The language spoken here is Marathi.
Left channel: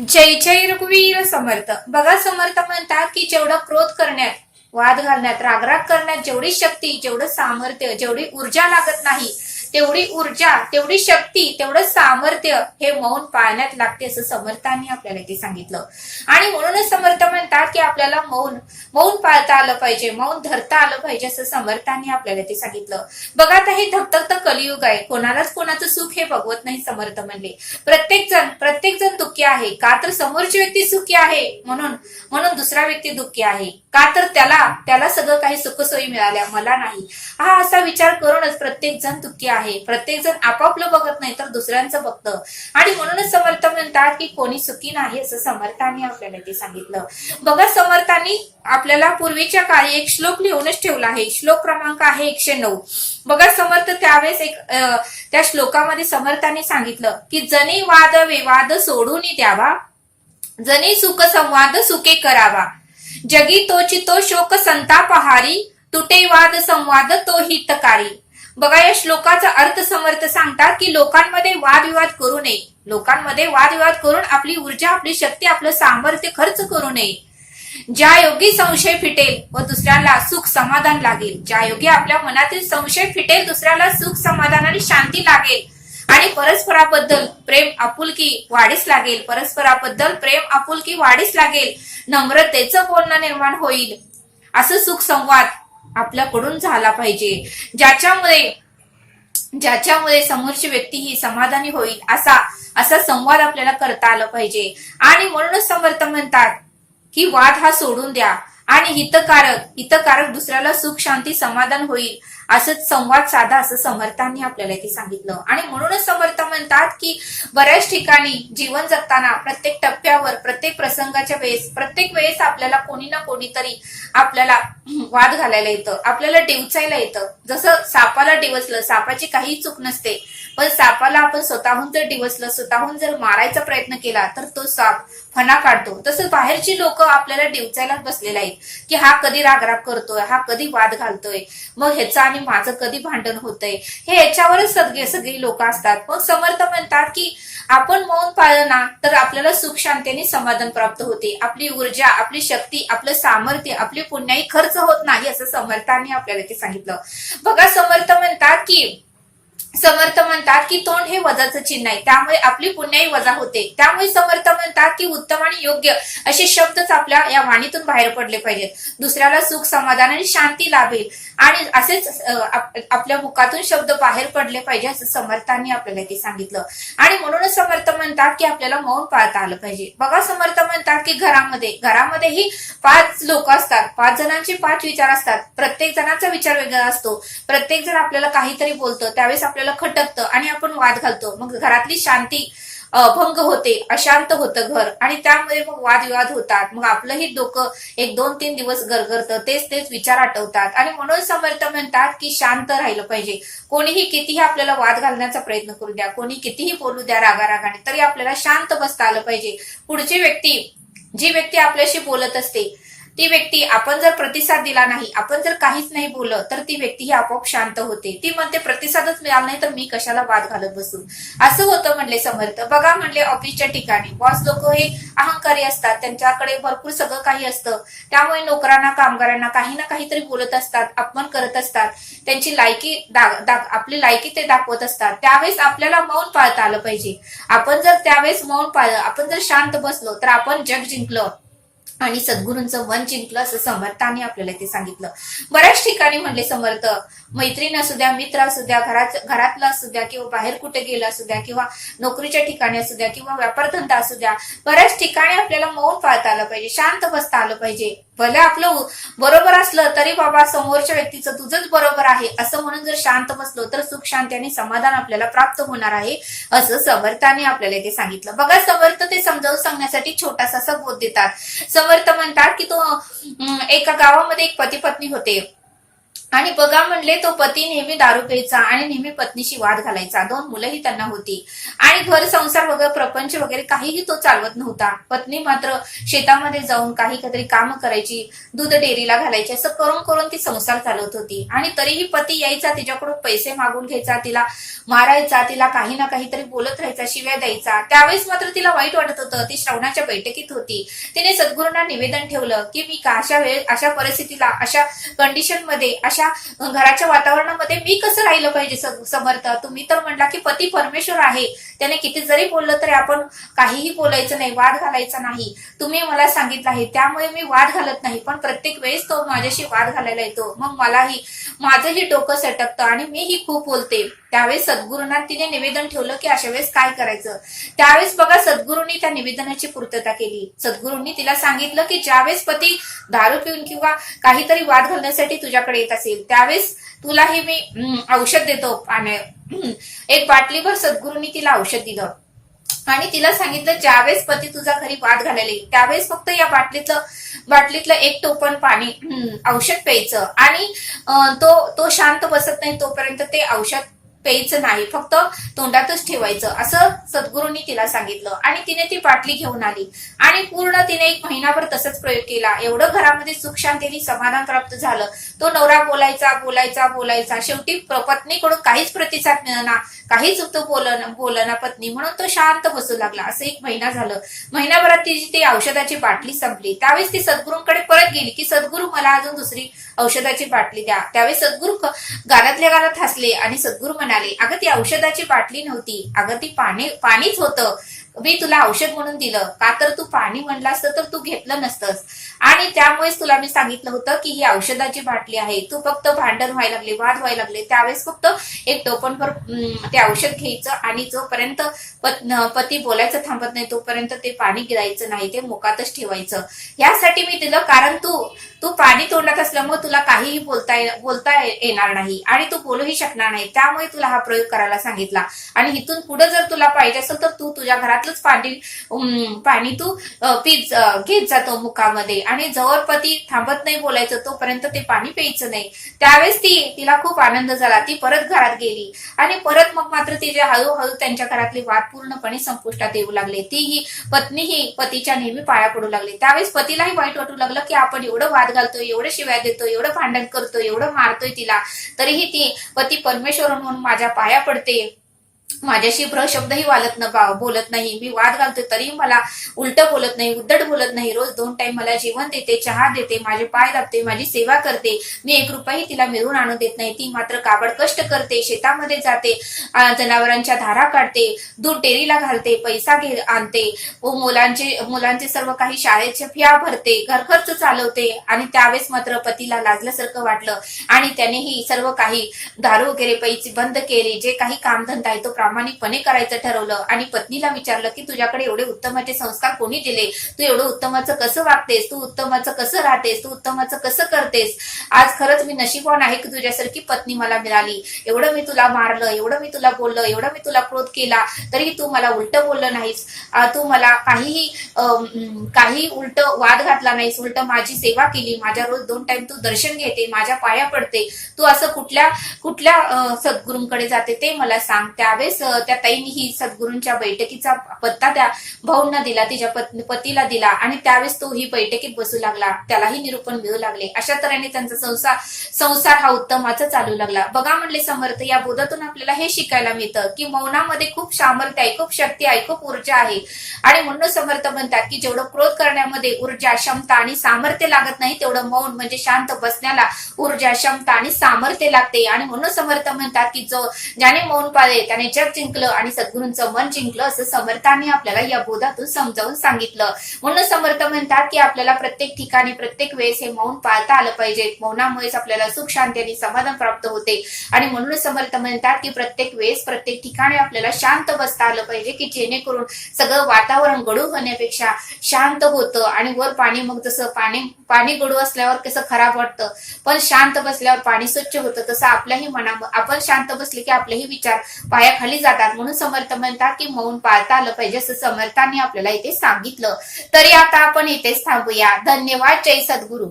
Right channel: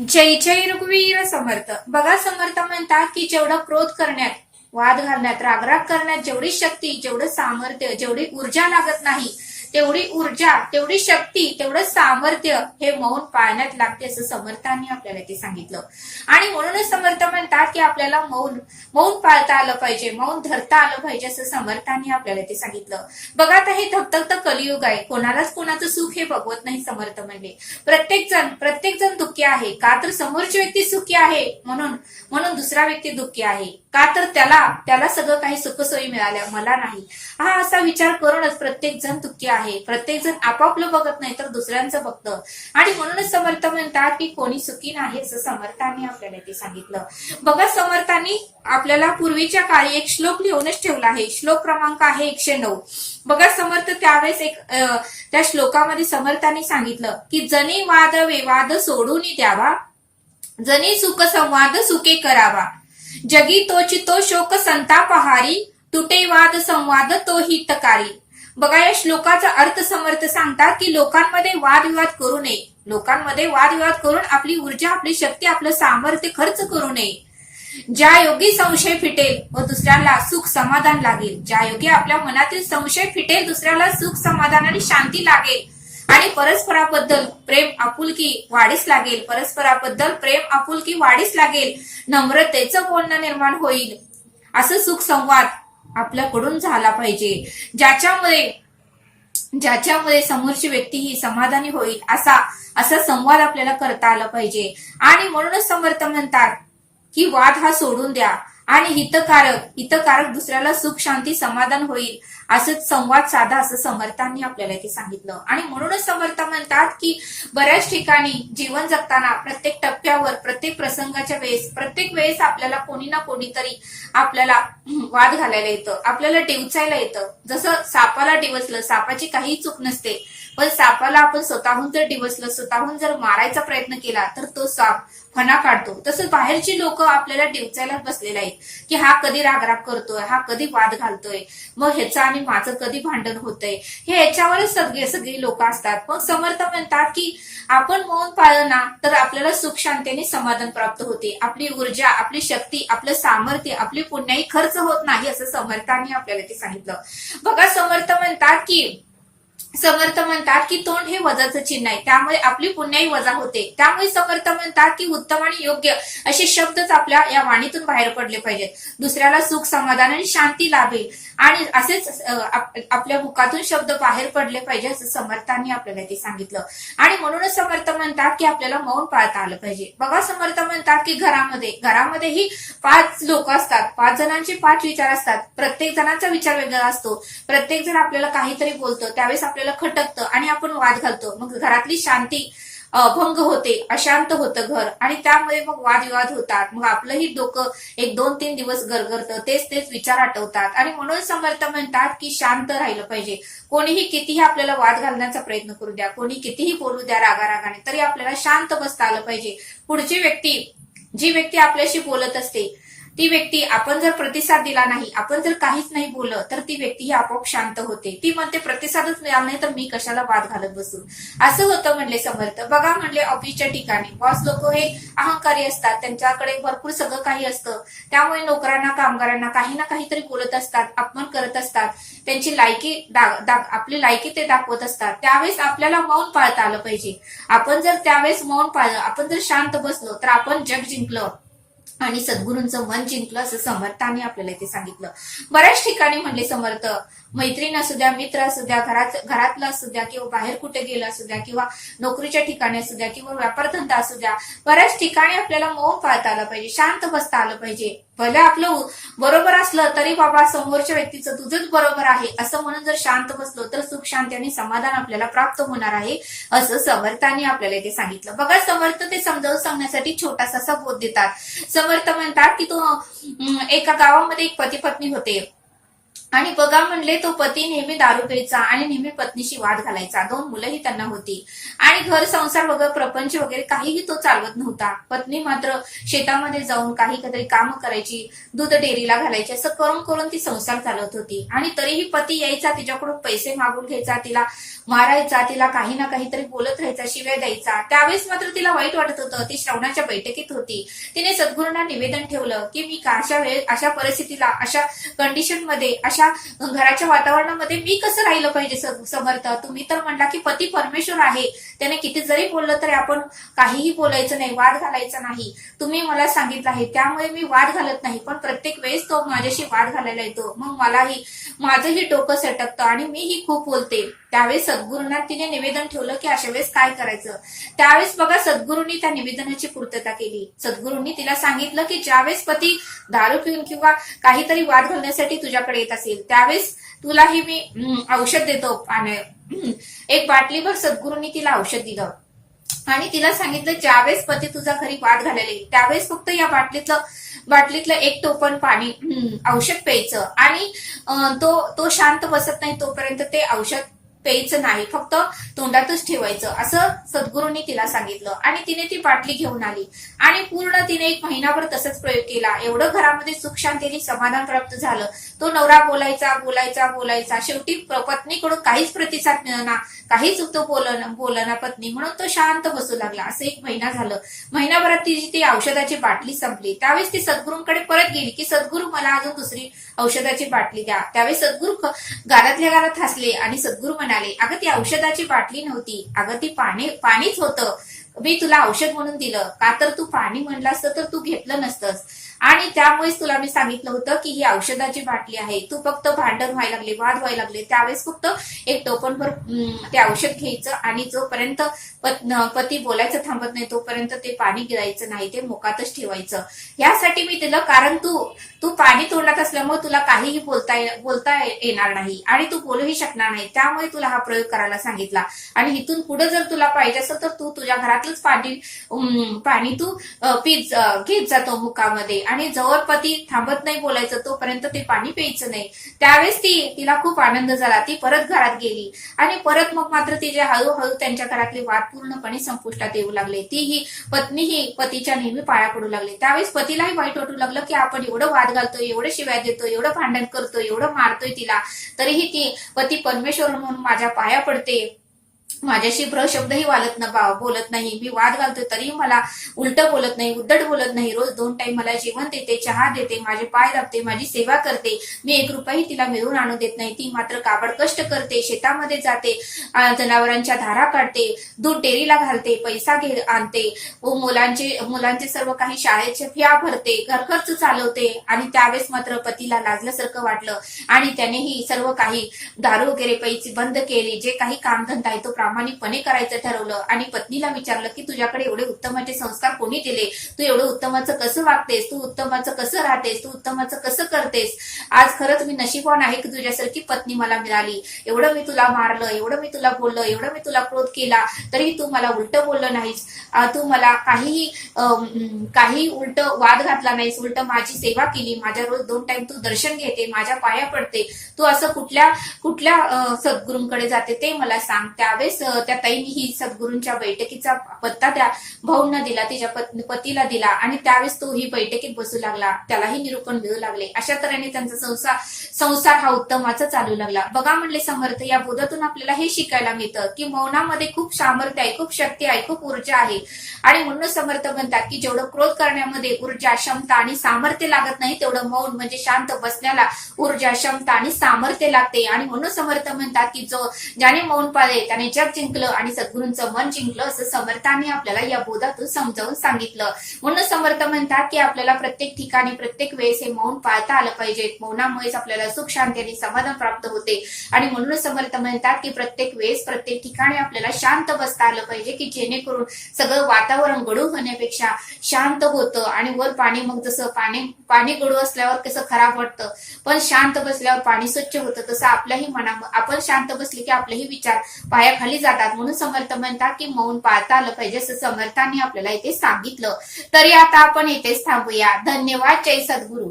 जय जय रघुवीर समर्थ. बघा समर्थ म्हणतात की जेवढा क्रोध करण्यात वाद घालण्यात रागराग करण्यात जेवढी शक्ती जेवढं सामर्थ्य जेवढी ऊर्जा लागत नाही तेवढी ऊर्जा तेवढी शक्ती तेवढं सामर्थ्य हे मौन पाळण्यात लागते असं समर्थांनी आपल्याला ते सांगितलं. आणि म्हणूनच समर्थ म्हणतात की आपल्याला मौन मौन पाळता आलं पाहिजे मौन धरता आलं पाहिजे असं समर्थांनी आपल्याला ते सांगितलं. बघा आता हे धकधकत कलियुग आहे. कोणालाच कोणाचं सुख हे बघवत नाही समर्थ म्हणले. प्रत्येक जण प्रत्येक जण दुःखी आहे. का तर समोरची व्यक्ती सुखी आहे म्हणून म्हणून दुसरा व्यक्ती दुःखी आहे. का तर त्याला त्याला सगळं काही सुखसोयी मिळाल्या मला नाही. हा असा विचार करूनच प्रत्येक जण दुःखी आहे. प्रत्येक जण आपापलं बघत नाही तर दुसऱ्यांचं बघतं. आणि म्हणूनच समर्थ म्हणतात की कोणी सुखी नाही असं समर्थांनी आपल्याला ते सांगितलं. बघा समर्थांनी आपल्याला पूर्वीच्या काळी एक श्लोक लिहूनच ठेवला आहे. श्लोक क्रमांक आहे एकशे नऊ. बघा समर्थ त्यावेळेस एक अं, त्या श्लोकामध्ये समर्थांनी सांगितलं की जनी वाद विवाद सोडून द्यावा. जनी सुख संवाद सुखे करावा. जगी तोची तो शोक संतापहारी तुटे वाद संवाद तो हितकारी. बघा या श्लोकाचा अर्थ समर्थ सांगतात की लोकांमध्ये वादविवाद करू नये. लोकांमध्ये वादविवाद करून आपली ऊर्जा आपली शक्ती आपलं सामर्थ्य खर्च करू नये. ज्या योगी संशय फिटेल व दुसऱ्याला सुख समाधान लागेल. ज्या योगी आपल्या मनातील संशय फिटेल दुसऱ्याला सुख समाधान आणि शांती लागेल. आणि परस्पराबद्दल प्रेम आपुलकी वाढीस लागेल. परस्पराबद्दल प्रेम आपुलकी वाढीस लागेल. नम्रतेचं बोलणं निर्माण होईल. असं सुख संवाद आपल्याकडून झाला पाहिजे. ज्याच्यामुळे ज्याच्यामुळे समोरची व्यक्ती ही समाधानी होईल असा असा संवाद आपल्याला करता आला पाहिजे. आणि म्हणूनच समर्थ म्हणतात की वाद हा सोडून द्या. आणि हितकारक हितकारक दुसऱ्याला सुख शांती समाधान होईल असं संवाद साधा असं समर्थांनी आपल्याला ते सांगितलं. आणि म्हणूनच समर्थ म्हणतात की बऱ्याच ठिकाणी जीवन जगताना प्रत्येक टप्प्यावर प्रत्येक प्रसंगाच्या वेळेस प्रत्येक वेळेस आपल्याला कोणी ना कोणीतरी आपल्याला वाद घालायला येतं आपल्याला डिवचायला येतं. जसं सापाला डिवचलं सापाची काही चूक नसते पण सापाला आपण स्वतःहून जर डिवचलं स्वतःहून जर मारायचा प्रयत्न केला तर तो साप फणा काढतो. तसंच बाहेरची लोक आपल्याला डिवचायला बसलेले आहेत की हा कधी रागराग करतोय हा कधी वाद घालतोय मग ह्याचं आणि माझं कधी भांडण होतंय? हे याच्यावरच सगळे सगळी लोक असतात. मग समर्थ म्हणतात की आपण मौन पाळलं ना तर आपल्याला सुख शांतीने समाधान प्राप्त होते. आपली ऊर्जा आपली शक्ती आपलं सामर्थ्य आपली पुण्याही खर्च होत नाही असं समर्थांनी आपल्याला ते सांगितलं. बघा समर्थ म्हणतात की समर्थ म्हणतात की तोंड हे वजाचं चिन्ह आहे. त्यामुळे आपली पुण्याही वजा होते. त्यामुळे समर्थ म्हणतात की उत्तम आणि योग्य असे शब्दच आपल्या या वाणीतून बाहेर पडले पाहिजेत. दुसऱ्याला सुख समाधान आणि शांती लाभेल. आणि असेच आपल्या मुखातून शब्द बाहेर पडले पाहिजे असं समर्थांनी आपल्याला ते सांगितलं. आणि म्हणूनच समर्थ म्हणतात की आपल्याला मौन पाळता आलं पाहिजे. बघा समर्थ म्हणतात की घरामध्ये घरामध्येही पाच लोक असतात. पाच जणांचे पाच विचार असतात. प्रत्येक जणांचा विचार वेगळा असतो. प्रत्येक जण आपल्याला काहीतरी बोलतं. त्यावेळेस आपल्याला खटकतं आणि आपण वाद घालतो. मग घरातली शांती भंग होते अशांत होतं घर आणि त्यामुळे मग वादविवाद होतात. मग आपलंही डोकं एक दोन तीन दिवस गरगरतं तेच तेच विचार आठवतात. आणि म्हणून समर्थ म्हणतात की शांत राहिलं पाहिजे. कोणीही कितीही आपल्याला वाद घालण्याचा प्रयत्न करू द्या कोणी कितीही बोलू द्या रागारागाने तरी आपल्याला शांत बसता आलं पाहिजे. पुढची व्यक्ती जी व्यक्ती आपल्याशी बोलत असते ती व्यक्ती आपण जर प्रतिसाद दिला नाही आपण जर काहीच नाही बोललं तर ती व्यक्ती ही आपोआप शांत होते. ती म्हणते प्रतिसादच मिळाला नाही तर मी कशाला वाद घालत बसू असं होतं म्हणले समर्थ. बघा म्हणले ऑफिसच्या ठिकाणी. बॉस लोक हे अहंकारी असतात. त्यांच्याकडे भरपूर सगळं काही असतं. त्यामुळे नोकरांना कामगारांना काही ना काहीतरी बोलत असतात अपमान करत असतात. त्यांची लायकी आपली लायकी ते दाखवत असतात. त्यावेळेस आपल्याला मौन पाळता आलं पाहिजे. आपण जर त्यावेळेस मौन पाळलं आपण जर शांत बसलो तर आपण जग जिंकलं. आणि सद्गुरूंचं मन जिंकलं असं समर्थाने आपल्याला ते सांगितलं. बऱ्याच ठिकाणी म्हणले समर्थ मैत्रीण असू द्या मित्र असू द्या घरात घरातला असू द्या किंवा बाहेर कुठे गेला असू द्या किंवा नोकरीच्या ठिकाणी असू द्या किंवा व्यापारधंदा असू द्या बऱ्याच ठिकाणी आपल्याला मौन पाळता आलं पाहिजे शांत बसता आलं पाहिजे. भले आपलं बरोबर असलं तरी बाबा समोरच्या व्यक्तीचं तुझंच बरोबर आहे. असं म्हणून जर शांत बसलो तर सुख शांती आणि समाधान आपल्याला प्राप्त होणार आहे असं समर्थाने आपल्याला इथे सांगितलं. बघा समर्थ ते समजावून सांगण्यासाठी छोटासा बोध देतात. समर्थ म्हणतात की तो एका गावामध्ये एक पती पत्नी होते. आणि बघा म्हणले तो पती नेहमी दारू प्यायचा आणि नेहमी पत्नीशी वाद घालायचा. दोन मुलंही त्यांना होती. आणि घर संसार वगैरे प्रपंच वगैरे काहीही तो चालवत नव्हता. पत्नी मात्र शेतामध्ये जाऊन काही काहीतरी काम करायची दूध डेअरीला घालायची असं करून करून ती संसार चालवत होती. आणि तरीही पती यायचा तिच्याकडून पैसे मागून घ्यायचा तिला मारायचा तिला काही ना काहीतरी बोलत राहायचा शिव्या द्यायचा. त्यावेळेस मात्र तिला वाईट वाटत होतं. ती श्रवणाच्या बैठकीत होती. तिने सद्गुरूंना निवेदन ठेवलं की मी का अशा वेळ अशा परिस्थितीला अशा कंडिशनमध्ये अशा घराच्या वातावरणामध्ये मी कसं राहिलं पाहिजे स- समर्थ? तुम्ही तर म्हणला की पती परमेश्वर आहे. त्याने किती जरी बोललं तरी आपण काहीही बोलायचं नाही वाद घालायचा नाही. तुम्ही मला सांगितलं आहे त्यामुळे मी वाद घालत नाही पण प्रत्येक वेळेस तो माझ्याशी वाद घालायला येतो. मग मलाही माझंही डोकं सटकतं आणि मीही खूप बोलते. त्यावेळेस सद्गुरूंना तिने निवेदन ठेवलं की अशा वेळेस काय करायचं? त्यावेळेस बघा सद्गुरूंनी त्या निवेदनाची पूर्तता केली. सद्गुरूंनी तिला सांगितलं की ज्यावेळेस पती दारू पिऊन किंवा काहीतरी वाद घालण्यासाठी तुझ्याकडे येत असेल त्यावेळेस तुलाही मी औषध देतो. पाण्या एक बाटलीभर सद्गुरूंनी तिला औषध दिलं. आणि तिला सांगितलं ज्यावेळेस पती तुझा घरी वाद घालायला येईल त्यावेळेस फक्त या बाटलीतलं बाटलीतलं एक टोपण पाणी औषध प्यायचं. आणि तो तो शांत बसत नाही तोपर्यंत ते औषध प्यायचं नाही फक्त तोंडातच ठेवायचं. असं सद्गुरूंनी तिला सांगितलं. आणि तिने ती बाटली घेऊन आली. आणि पूर्ण तिने एक महिनाभर तसंच प्रयोग केला. एवढं घरामध्ये सुख शांतीने समाधान प्राप्त झालं. तो नवरा बोलायचा बोलायचा बोलायचा. शेवटी पत्नीकडून काहीच प्रतिसाद मिळणार काहीच तो बोलणं बोलना पत्नी. म्हणून तो शांत बसू लागला. असं एक महिना झालं. महिनाभरात तिची ती औषधाची बाटली संपली. त्यावेळेस ती सद्गुरूंकडे परत गेली की सद्गुरू मला अजून दुसरी औषधाची बाटली द्या. त्यावेळेस सद्गुरू ख- गालातल्या गालात हसले आणि सद्गुरू म्हणाले अगं ती औषधाची बाटली नव्हती. अगं ती पाणी पाणीच होतं. मी तुला औषध म्हणून दिलं. का तर तू पाणी म्हणलं असतं तर तू घेतलं नसतंस. आणि त्यामुळेच तुला मी सांगितलं होतं की ही औषधाची बाटली आहे. तू फक्त भांडण व्हायला लागले वाद व्हायला लागले. त्यावेळेस फक्त एक टोपणभर ते औषध घ्यायचं आणि जोपर्यंत पती बोलायचं थांबत नाही तोपर्यंत ते पाणी गिरायचं नाही ते मोकातच ठेवायचं. यासाठी मी दिलं कारण तू तू पाणी तोंडात असल्यामुळे तुला काहीही बोलता बोलता येणार नाही आणि तू बोलूही शकणार नाही. त्यामुळे तुला हा प्रयोग करायला सांगितला. आणि इथून पुढे जर तुला पाहिजे असेल तर तू तुझ्या घरातलंच पाणी पाणी तू पीत घेत जातो मुखामध्ये. आणि जवळपती थांबत नाही बोलायचं तोपर्यंत ते पाणी प्यायचं नाही. त्यावेळेस ती तिला खूप आनंद झाला. ती परत घरात गेली. आणि परत मग मात्र तिचे हळूहळू त्यांच्या घरातली वाद पूर्णपणे संपुष्टात येऊ लागले. तीही पत्नीही पतीच्या नेहमी पाया पडू लागली. त्यावेळेस पतीलाही वाईट वाटू लागलं की आपण एवढं वाद घालतोय एवढं शिव्या देतो एवढं भांडण करतो एवढं मारतोय तिला तरीही ती पती परमेश्वर म्हणून माझ्या पाया पडते. माझ्याशी प्रशब्दही वालत न बा- बोलत नाही. मी वाद घालते तरी मला उलट बोलत नाही उद्धट बोलत नाही. रोज दोन टाइम मला जेवण देते चहा देते माझे पाय दाबते माझी सेवा करते. मी एक रुपयाही तिला मिळवून आणू देत नाही. ती मात्र काबड कष्ट करते शेतामध्ये जाते जनावरांच्या धारा काढते दूध डेअरीला घालते पैसा घे आणते. व मुलांचे मुलांचे सर्व काही शाळेचे फिया भरते घरखर्च चालवते. आणि त्यावेळेस मात्र पतीला लाजल्यासारखं वाटलं. आणि त्यानेही सर्व काही दारू वगैरे पैसे बंद केले. जे काही कामधंदा आहे तो प्रामाणिकपणे करायचं ठरवलं. आणि पत्नीला विचारलं की तुझ्याकडे एवढे उत्तमाचे संस्कार कोणी दिले तू एवढं उत्तमाचं कसं वागतेस? तू उत्तमाचं कसं राहतेस? तू उत्तमाचं कसं करतेस? आज खरंच मी नशीबवान आहे की तुझ्यासारखी पत्नी मला मिळाली. एवढं मी तुला मारलं एवढं मी तुला बोललं एवढं मी तुला क्रोध केला तरी तू मला उलट बोललं नाहीस. तू मला काहीही काही उलट वाद घातला नाहीस. उलट माझी सेवा केली. माझ्या रोज दोन टाइम तू दर्शन घेते माझ्या पाया पडते. तू असं कुठल्या कुठल्या सद्गुरूंकडे जाते ते मला सांग. त्यावेळेस त्यावेळेस त्या ताईंनी ही सद्गुरूंच्या बैठकीचा पत्ता त्या भाऊंना दिला तिच्या पतीला दिला आणि त्यावेळेस तो ही बैठकीत बसू लागला. त्यालाही निरूपण मिळू लागले. अशा तऱ्हेने त्यांचा संसार संसार हा उत्तमाचा चालू लागला. बघा म्हणले समर्थ या बोधातून आपल्याला हे शिकायला मिळतं की मौनामध्ये खूप सामर्थ्य आहे खूप शक्ती आहे खूप ऊर्जा आहे. आणि म्हणून समर्थ म्हणतात की जेवढं क्रोध करण्यामध्ये ऊर्जा क्षमता आणि सामर्थ्य लागत नाही तेवढं मौन म्हणजे शांत बसण्याला ऊर्जा क्षमता आणि सामर्थ्य लागते. आणि म्हणून समर्थ म्हणतात की जो ज्याने मौन पाळले त्याने जग जिंकलं आणि सद्गुरूंचं मन जिंकलं असं समर्थाने आपल्याला या बोधातून समजावून सांगितलं. म्हणून समर्थ म्हणतात की आपल्याला प्रत्येक ठिकाणी प्रत्येक वेळेस हे मौन पाळता आलं पाहिजे. मौनामुळेच आपल्याला सुख शांती आणि समाधान प्राप्त होते. आणि म्हणून समर्थ म्हणतात की प्रत्येक वेळेस प्रत्येक ठिकाणी आपल्याला शांत बसता आलं पाहिजे की जेणेकरून सगळं वातावरण गडू होण्यापेक्षा शांत होतं आणि वर पाणी मग जसं पाणी पाणी गडू असल्यावर कसं खराब वाटतं. पण शांत बसल्यावर पाणी स्वच्छ होतं तसं आपल्याही मना आपण शांत बसले की आपलेही विचार पायाखाली जातात. म्हणून समर्थ म्हणतात की मौन पाळता आलं पाहिजे असं समर्थांनी आपल्याला इथे सांगितलं. तरी आता आपण इथेच थांबूया. धन्यवाद. जय सद्गुरू.